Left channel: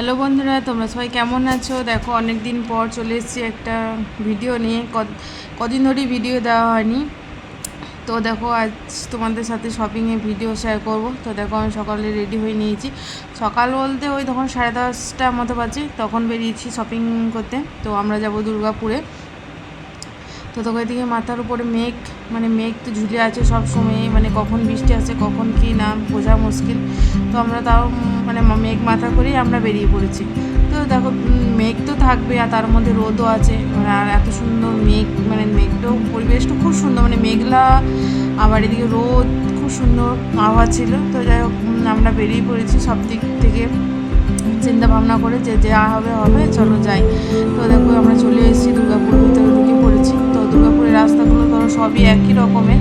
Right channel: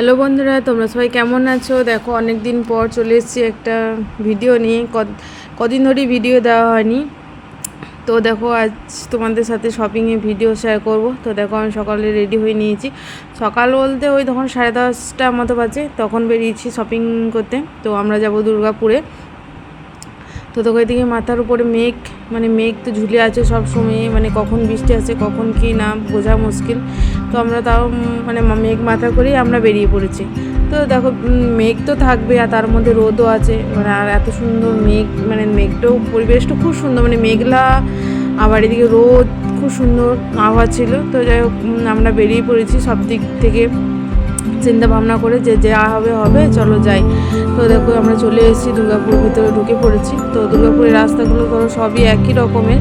Hello বন্ধুরা, তোমরা সবাই কেমন আছো? দেখো অনেক দিন পর চলে এসেছি একটা ভিডিও নিয়ে। কদিন ধরেই ভিডিও দেওয়া হয়নি। তো দেখো, আজ তোমাদের সাথে শপিংয়ের ভিডিও শেয়ার করব। তো দেখো, আমি সকালে রেডি হয়ে নিয়েছি। সকাল বলতে ওই তখন সাড়ে দশটা মতো বাজে, তখন বেরিয়েছি শপিং করতে। তো আমরা যাব দুর্গাপুরে। তো তোকে এদিকে মাথার উপরে মেঘ মানে মেঘ তো ঝুলে আছে সব সময়। মানে কখন বৃষ্টি আসে, কখন কি না, বোঝা মুশকিল। তো আমরা তাও মানে মেঘ মাথা করেই আমরা বেরিয়ে পড়েছি। তো দেখো মেঘ তো থাকবে আর তার মধ্যে রোদও আছে। মানে আর এত সুন্দর মেঘ মানে মেঘটাও, পরিবেশটা খুব সুন্দর মানে মেঘলা, আবার এদিকে রোদ খুব সুন্দর, আবহাওয়া ছিল। তো যাই হোক আমরা বেরিয়ে পড়েছি সব দিক থেকে। চিন্তা ভাবনা করে যে যা হবে হবে, চলো যাই। তো দেখো আমরা চলে এসেছি দুর্গাপুর ভিতরে ঢুকে পড়েছি। তো দুর্গাপুরের রাস্তাগুলো ধরো সবই একই রকমের।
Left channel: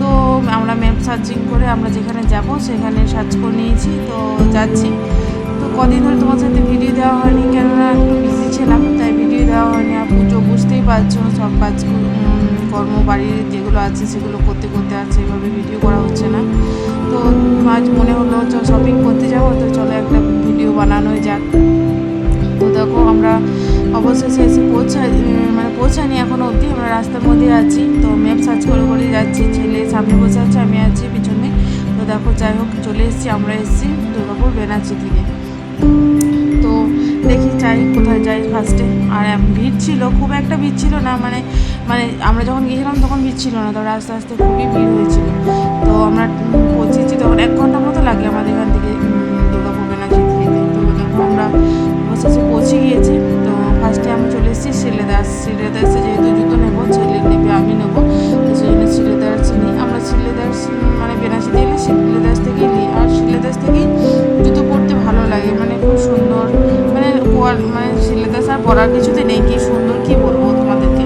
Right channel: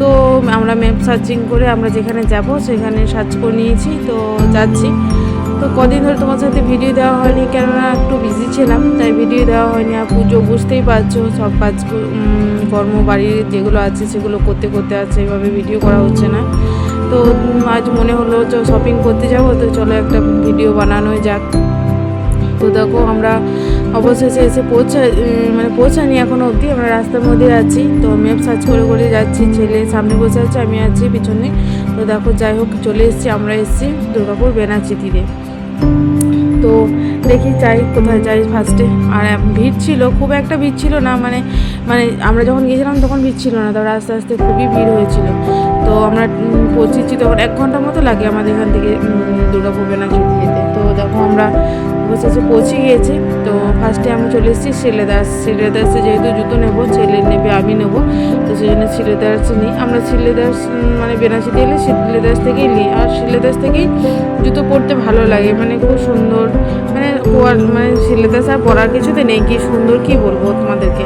তো আমরা ম্যাপ সার্চিং করে আমরা যেখানে যাব সেখানে সার্চ করে নিয়েছি। তো যাচ্ছি। তো কদিন ধরে তোমার সাথে ভিডিও দেওয়া হয়নি, কেননা একটু বিজি ছিলাম, তাই ভিডিও দেওয়া হয়নি। আর পুজো বুঝতেই পারছ, সব কাজ কর্ম বাড়ির যেগুলো আছে সেগুলো করতে করতে আছে এভাবে ভিডিও করা হচ্ছে না। তো আজ মনে হলো তো শপিং করতে যাব, তো চলো একটা ভিডিও বানানোই যাক। তো দেখো আমরা অবশেষে এসে পৌঁছা উম, মানে পৌঁছানি এখনও অবধি। আমরা রাস্তার মধ্যে আছি। তো ম্যাপ সার্চ করে করে যাচ্ছি। ছেলে সামনে বসে আছে আমি আছি পিছনে। তো দেখো যাই হোক চলে এসেছি আমরা এসেছি দুর্গাপুর বেনাচি থেকে। তো দেখি যাই কোথায় যাই ফার্স্টে আর ভিড় ছিল খুব একটা ভিড় ছিল না মানে মানে আমরা যখন গিয়েছিলাম তখন ভিড় ছিল না। তবে আস্তে আস্তে খুবই ভিড় হয়েছিল। তো আমরা পৌঁছেছি তখন এক ঘণ্টা মতো লাগে আমাদের এখান থেকে দুর্গাপুর বেনাচি যেতে। তো দেখো আমরা অবশেষে পৌঁছে গিয়েছি। তো ফার্স্টে আমি চলে এসেছি শিলেদাস শিলেদাসে যেহেতু জুতো নেব, ছেলে নেবে, আমি নেব, তো সেই জন্য শিলেদাস নিই আমরা শিলেদাস মানে বেনাচিতে এলে শিলেদাস থেকেই নিই। আর শিলেদাস থেকেই জুতো পরতে ভালো লাগে। মানে খুব সুন্দর মানে মানে শিলেদাস আর পরার কিছুতে নেই। কি সুন্দর কি বলব তোমাদেরকে?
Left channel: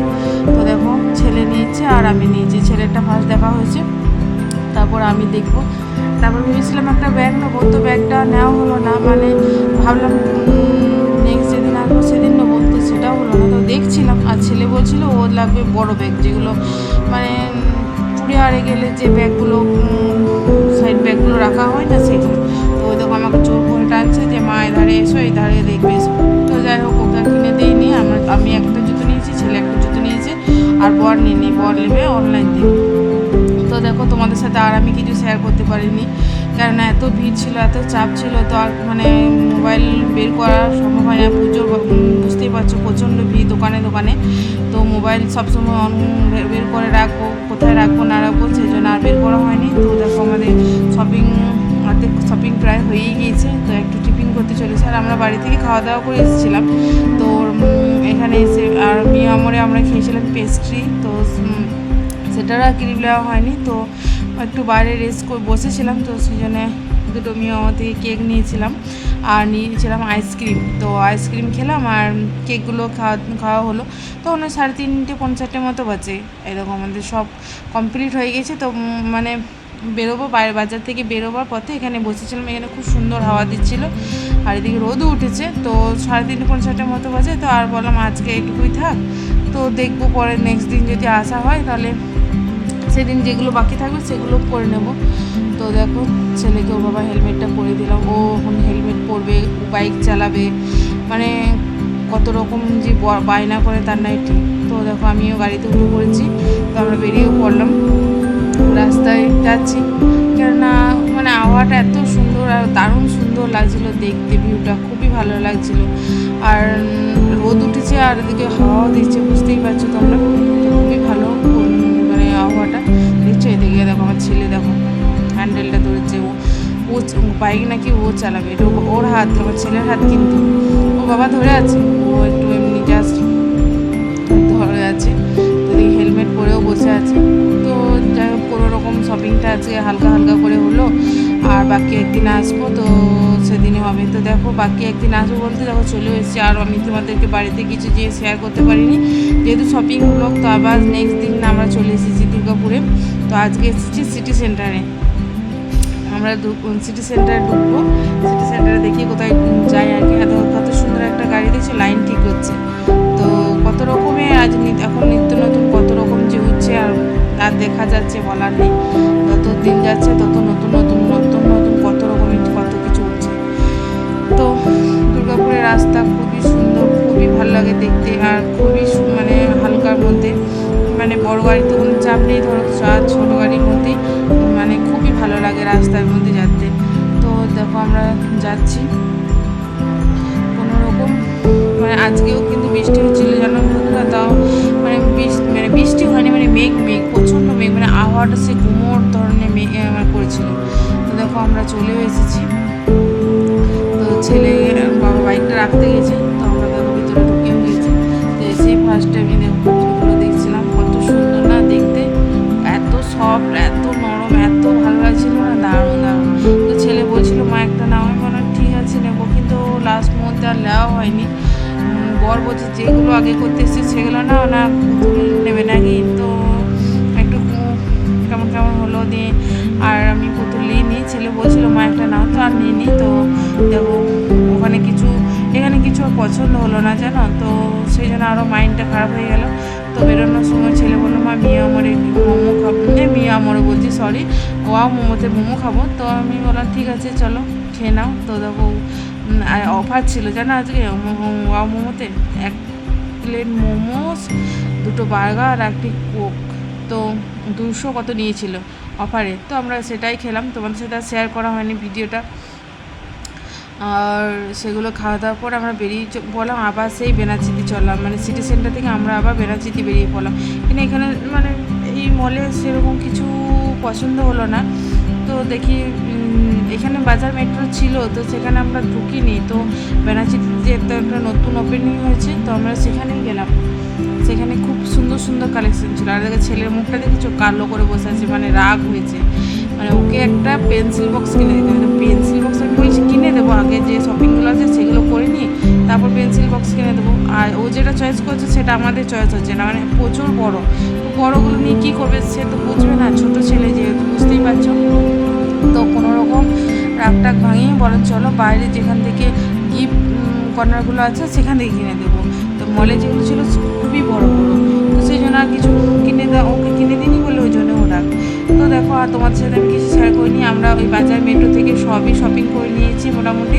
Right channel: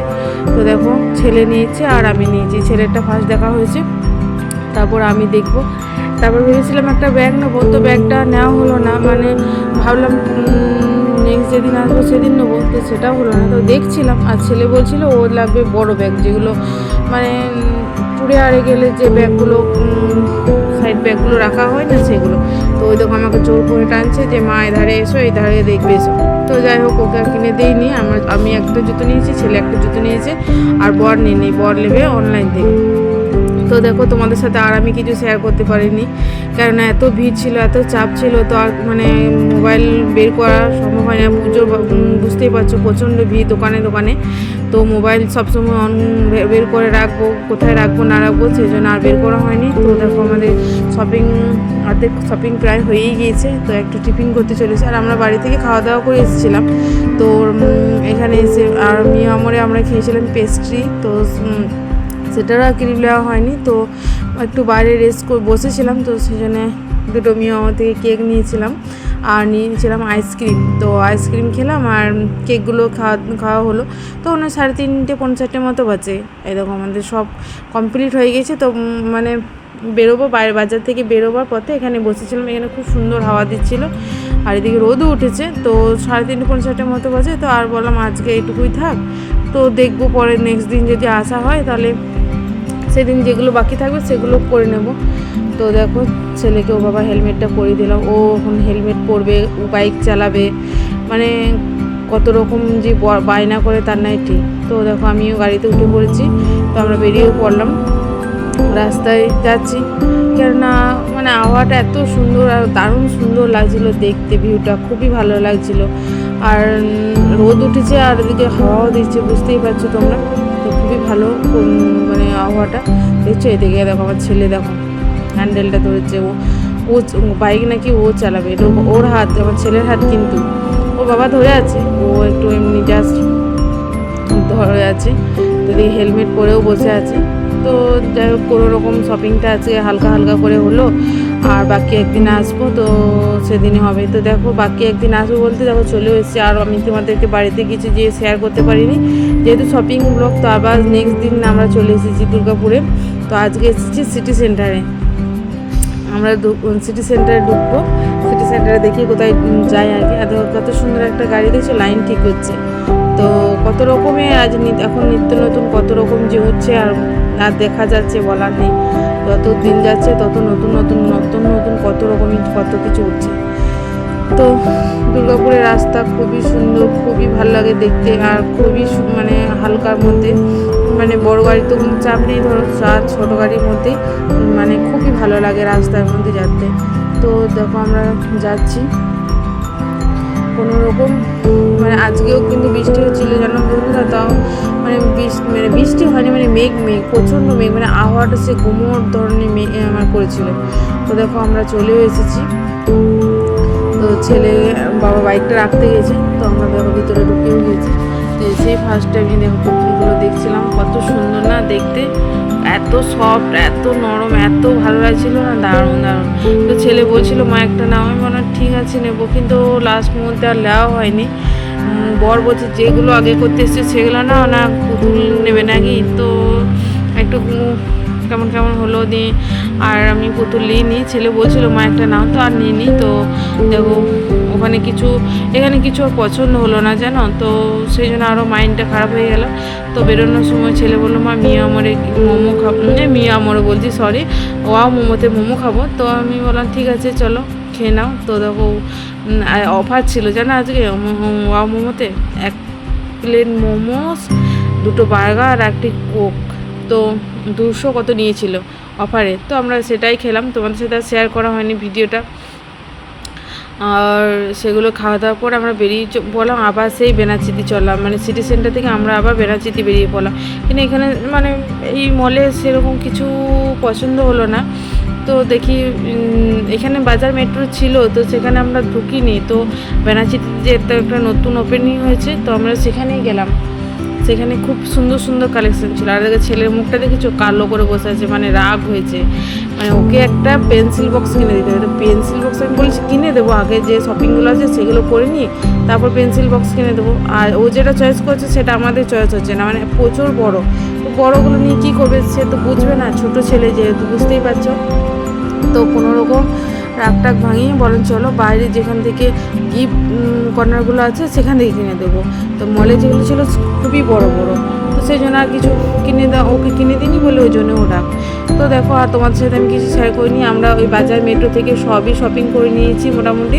তো দেখো, ছেলে নিয়েছে আর আমি নিয়েছি। ছেলেরটা ফার্স্ট দেখা হয়েছে। তারপর আমি দেখব। তারপর ভেবেছিলাম একটা ব্যাগ নেব, তো ব্যাগটা নেওয়া হলো না। মানে ভাবলাম নেক্সট যেদিন আসব সেদিন নেব, তো সেটাও হলো না। তো দেখছিলাম, আর ছেলে বলছিল, ও লাগবে বড় ব্যাগ যেগুলো মানে টুরে আরে গেলে যে ব্যাগগুলো সাইড ব্যাগগুলো রাখা হয় না সেগুলো, তো ওই দোকান আমাকে জোর করে টানছে যে, মা, এধারে এসো এই ধারে দেখবে এসো। তো যাই হোক, ওকে আর কিনে দিইনি। আমার, আমি একটা জুতো নিয়েছি, ছেলে একটা জুতো নিয়েছে, আর বর নিয়ে নিই। বর নেবে অনলাইন থেকে তো দেখো, তোমাদের সাথে আর আমি কিছু শেয়ার করতে পারিনি। কেননা এত ভিড় ছিল, এত চাপ ছিল, তো আর মানে মোবাইল বের করা সম্ভব হয় না। পুজো বুঝতেই পারছ, প্রচণ্ড ভিড় দোকানে দোকানে। তো মোবাইল সবসময় অন বের করে রাখব, কোথায় রাখব, না রাখব, সেই জন্য আর বের করা হয়নি। তো দেখো, আমাদের শপিং অর্ধেক শপিং প্রায় হয়েই গিয়েছে। তো একটু টিফিন করতে চলেছে। আর আমরা বাড়ি থেকে খাওয়া দাওয়া করে এসেছিলাম। তো এখানে এসে আর মিয়া আমরে খেয়েছিলাম পেস্ট্রি তো সেটারও আর ক্রিম নেওয়া হয়নি। তো একটু বাইরে রেস্ট করে, বসেছিলাম, তো সেই জন্য দুটো মিয়া থেকে কেক নিয়েছিলাম আর নিয়েছিলাম আইসক্রিম তো আইসক্রিম খেলাম আর কেকগুলো খাওয়া খাওয়া হলো। তো ওনার সাড়ে তিনটে, পৌনে চারটে মতো বাজে। এরকম আমাদের সব কমপ্লিট হয়ে গেছে। তো মানে বেরোবো, বাইরে বাজার থেকে বেরোবার পথে এখানে বসেছিলাম। এখানে খুব সুন্দর হাওয়া দিচ্ছিল। আর এদিকে রোদও উঠেছে। তো সাড়ে তিনটে, পৌনে মতো বাজে। তো আর বললাম আজকে এইটুকুই থাক। তো দেখব পরে নেক্সট দিন যদি আসা হয় তাহলে সেদিন যেগুলো বাকি থাকবে সেগুলো করে নেব। তো দেখো, ছেলেকে ও বাবা হেলমেটটা পরিয়ে দিলাম। ও এখন হেলমেট পরবে, ও বাইক চালাবে। মানে কত রকম যে বায়না করে তার নাই ঠিক। তো দেখো, আমিও গাড়িতে উঠে পড়েছি। তো আমরা বেরিয়েও পড়লাম। রাস্তায় যাচ্ছি। কেননা মানে আবহাওয়াটা এত সুন্দর আর দারুণ সুন্দর লাগছিল দেখতে, ভিউটা খুবই ভালো লাগছিল। আর রোদ উঠেছে আর এদিকে হাওয়াও দিচ্ছে, বুঝতেই পারছ তোমরা। খুবই ভালো মানে আবহাওয়াটা। দেখছ এদিকে দেখো আমার ছেলে দেখো হ্যান্ডেলটা ধরেছে। ও ও বাইক নাকি ও চালাবে, এটা ওর হাত, আমার ছেলের হাত কিন্তু। ও বাবা ধরে আছে, ও একটু এমনি জাস্ট ধরে আছে। যদি হেলমেট পরেও বসে আছে। তো যাই হোক, কোনো রকম শপিংটা আজকে হালকা হালকা করে হলো। আর বাকি একদিন আসব, তো সেদিনই হবে। তো দেখো, বাকি একদিন আসব বলতে দেখো চলে এসেছি। আর আমি তোমাদেরকে বাড়িতে কিছু যেয়ে শেয়ার করতে পারিনি। যেহেতু শপিং ব্লগ তো আবার নেক্সট দিন আমরা চলে এসেছি দুর্গাপুরে। তো আজকে এসেছি সিটি সেন্টারে আমরা সিটি সেন্টারে ঢুকবো। সিটি সেন্টারে দেখি কোথায় যাই আর কি। এত, কত সুন্দর একটা গাড়ি দিয়েছে লাইন ঠিক হচ্ছে। কত রকমের আজ এখন নিত্য নতুন কত রকম যে হচ্ছে আর আর দেখা যাচ্ছে বলার নেই। যত দিন যাচ্ছে তত নতুন নতুন নতুন নতুন কত রকমের কত কিছু হচ্ছে। তো দুর্গাপুরের রাস্তা খুবই সুন্দর, খুবই ভালো লাগে দেখতে আর খুবই মানে হালকার মধ্যে। মানে বড় গাড়ি তো কোনো চাপ নেই, ধরো আর ছোটো গাড়ির মধ্যেই মানে খুবই ভালো লাগে রাস্তার মধ্যে যাতে। তো দেখো আমরা যাচ্ছি। কোনো রকম মানে আজকেও কিন্তু বৃষ্টি হচ্ছিল যেন বন্ধুরা? তাও মানে মানে বৃষ্টি হয়নি মানে মেঘ মেঘ, প্রচণ্ড মেঘ মানে আবহাওয়াটা সে ঘুমোর ধরনের মেঘ আমার করেছিল। তো দেখো আমরা চলেও এসেছি। তো ছেলে, বাবা বাইকটা রাখতে গেছে, তো আমরা দেখো ভিতরে ঢুকেও গেছি। তো ফার্স্ট টাইম আমি দেখো দেখছিলাম, কত সুন্দর না দেখতে। এত সফট এত নরম, এত ভালো লাগছিল না? দারুণ দারুণ। তো ছেলে বলছিল, মা, একটা নাও। আমি মনে ঠিক আছে, নেব। কিন্তু লাস্ট মুহূর্তে আর নেওয়া হয়নি। বর বলছে, যেগুলো আগে করতে এসছে সেগুলো না না, পুতুল নেবে নাকি? তো একটু কেমন কেমন হলো দিয়ে আর আমি পুতুল নিই ছেলে বলছিল, মা, একটা নাও তো, আর নিইনি তো দেখো, ওখানে কিছু, এখানে কিছু পছন্দ হলো না, জানো? তো সেই জন্য আরও মাইন্ডটা খারাপ হয়ে গেল। তো বেরোনোর সময় ছেলে বলল, মা, মিয়া আমরে মোমো খাব মিয়া আমরে বলছি সরি ওয়াও, মোমোতে মোমো খাব। তো আমি বললাম, ঠিক আছে, চলো, খেয়ে নাও। তো দেখো অফার ছিল, জানো আজকে? ওয়াও, মোমোতে? এক প্লেট মোমোস, দুটো বার্গার, আর একটি কোক। তো দুশো কত নিয়েছিল অফারে। তো আমরা সেটাই খেলাম, তোমাদের সাথে আর শেয়ার করা হয়নি ভিডিওটা। আর সেগুলো খাওয়া দাওয়ার পর আমরা বেরিয়ে পড়লাম, আবার সেই বেনাচিতি চললাম। মানে সিটি সেন্টার থেকে আমরা আবার বেনাচিতি বেরিয়ে পড়লাম। কিন্তু এখানে মানে এই মলে সেরকম কিছু পছন্দ হলো না। তো দেখি এখানে বাজার মেট্রো ছিল, তো সেখানে আমরা ঢুকিনি। তো একটা একটা নতুন ওপেনিং হয়েছে, তো আমরা সেখানেই গেলাম। সেখানে খুব সুন্দর সুন্দর কালেকশন ছিল। আর দেখে ছেলের মুখটা দেখেছ? কালো করে বসে আছে মানে রাগ হয়েছে। মানে ওকে একটা পেন্সিল বক্স কিনে দিতে হবে। তো পেন্সিল বক্স আমি বলছি, কিনে দেবো আগে যে শপিংগুলো আছে, সেগুলো করে নিই তারপর পেন্সিল বক্স কিনে দেবো। আর ও যেটা চয়েস করছে, সেটা আমাদের চয়েস হচ্ছে না। মানে প্রচুর বড়। তো বড়োগুলো নিয়ে কী করবে সে তো বুঝবে না। ছোট ছেলে যেহেতু, বুঝতেই পারছ? তো কোনো রকম রাগ টাগ ভাঙিয়ে বলেন, চলো বাইরে যেখান থেকে গিফট কর্নারগুলো আছে, সেখান থেকে কিনে দেবো। তো মলে যেগুলো ছিল খুবই বড় বড়। তো সেই জন্য আর কিছু কিনে দেওয়া ওকে কিনে দিইনি বলে ওই জন্য ও রাগ। তো দেখো, আর তোমাদের সাথে আমি কিছু শেয়ার করিনি। আমরা ওই বাজার মেট্রো থেকে সবই শপিং করে নিয়েছি মোটামুটি।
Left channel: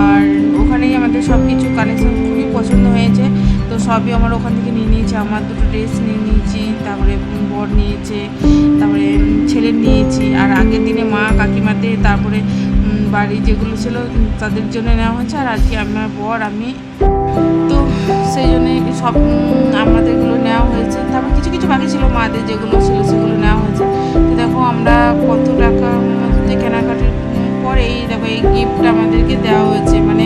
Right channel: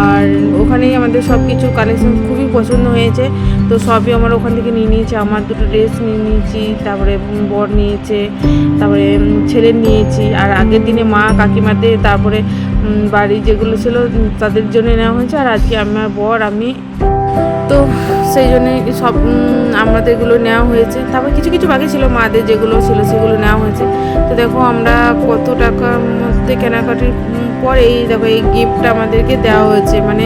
আর ওখানেই আমাদের সব কিছু কালেকশন খুবই পছন্দ হয়েছে। তো সবই আমার ওখান থেকে নিয়ে নিয়েছে। আমার দুটো ড্রেস নিয়ে নিয়েছি তারপরে বর নিয়েছে তারপরে ছেলের নিয়েছি। আর আগের দিনে মা কাকিমাদের তারপরে বাড়ি যেগুলো ছিল তাদের জন্য নেওয়া হয়েছে। আর আজকে আমার বর আমি তো সেই জন্যে সব উম, আমাদেরগুলো নেওয়া হয়েছে। তারপর কিছু কিছু বাকি ছিল মাদের যেগুলো ছিল সেগুলো নেওয়া হয়েছে। তো দেখো আমরা কত টাকার মধ্যে কেনাকাটির পরে এই দেখো এই গিফটটা আমাদেরকে দেওয়া হয়েছে। মানে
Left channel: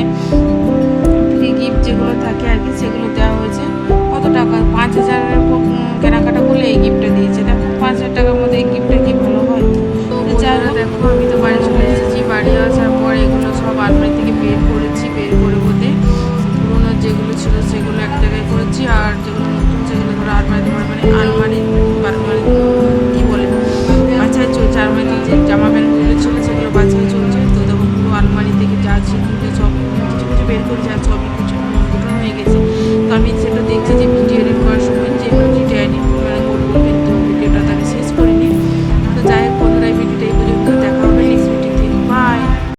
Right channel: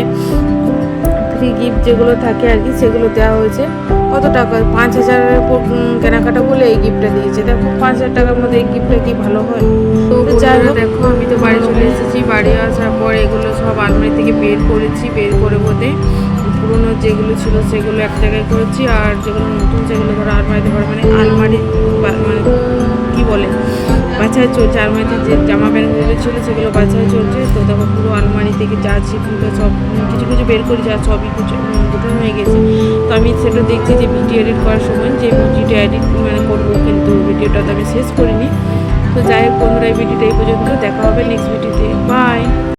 ফ্রি গিফট যেগুলো থাকে আর কি সেগুলো দেওয়া হয়েছে। কত টাকা? পাঁচ হাজারের উপর কেনাকাটা করলে এই গিফটটা দিয়েছে। দেখো পাঁচ হাজার টাকার মধ্যে এই গিফটটা কি ভালো হয়? তো যাই হোক। দেখো আমি তো বাড়ি চলে এসেছি বাড়ি আসার পর এগুলো সব আলমারি থেকে বের করেছি বের করে বোধে পুরোনো যেগুলো ছিল সেগুলো এক জায়গায় করেছি আর যেগুলো নতুন সেগুলো ধরো আলমারিতে ভরে মানে আলমারি মানে কী বলে? বাছাই চলছে আলমারিতে যে জামা প্যান্টগুলো ছিল সেগুলো বাছাই চলছে। আলমারি থেকে যা ছিল সব কিছু কিছু বের করে যা সবই কিছু হয়ে গেছে। তো আমি সেটা দেখছি যে ভিডিও এডিট করার সময় যে ভিডিওটা এডিট মানে করব, কিন্তু ভিডিওটা তো আমি শেষ করিনি। তো যাই হোক বন্ধুরা, এই ভিডিওটা এই পর্যন্ত। দেখা হবে নেক্সট ভিডিওতে বাই